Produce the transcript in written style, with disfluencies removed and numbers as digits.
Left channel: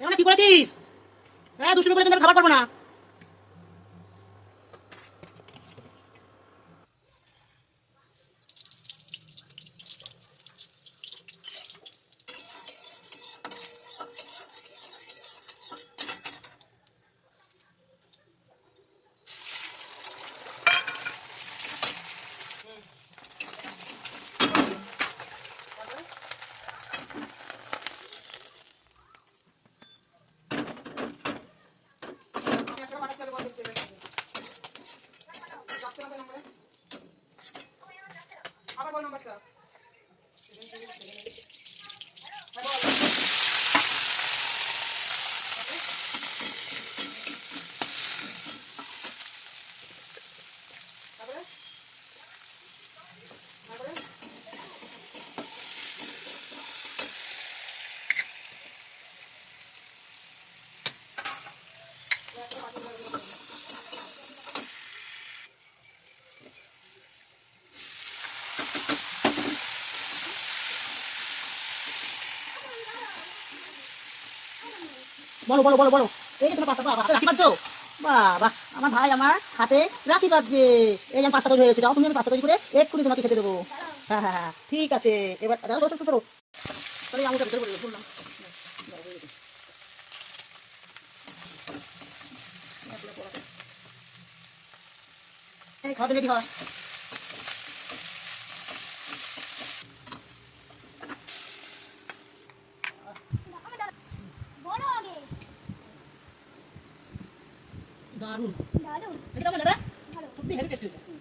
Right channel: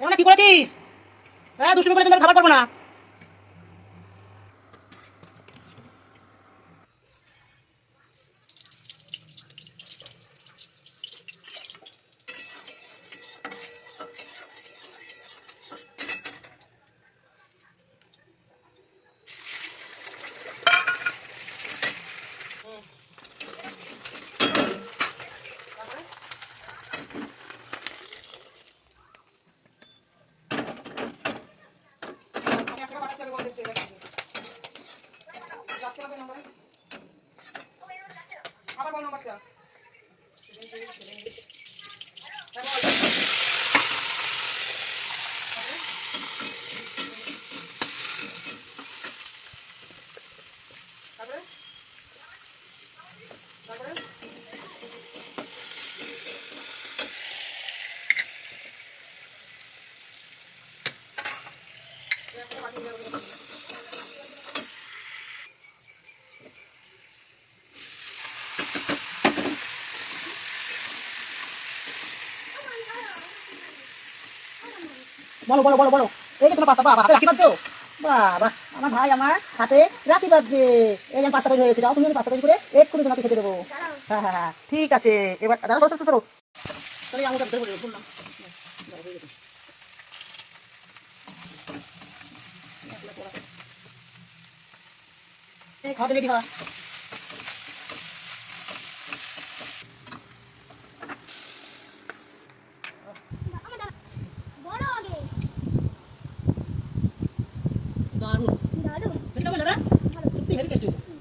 এখানে কি করেছিস? হ্যাঁ, দুষ্টুমি করে খাবার পারবো না। আবার বল নাম্বারটা। বলো বলো বলো বলো। এই যে তোমার পাস্তা, বাবা হাতে রাখি বাঁধছো? বাবা, আমার ভাই আমার হাতে রাখি বাঁধছে। এই যে পাস্তা তৈরি হয়েছে, যাও তুমি আমি পাস্তা তৈরি করে এক্ষুনি তোমাকে খেতে দেবো। হ্যাঁ হ্যাঁ হ্যাঁ, ঠিক আছে। এবার দাঁড়াও, সরো সরো সরো। তাহলে আমুটা ভিতরে পড়ে বললাম। এই খাওয়াতে রেডি হওয়া। দারুণ দারুণ, দেখতে পাবেন দাদা? সত্যি হেভি টেস্টি।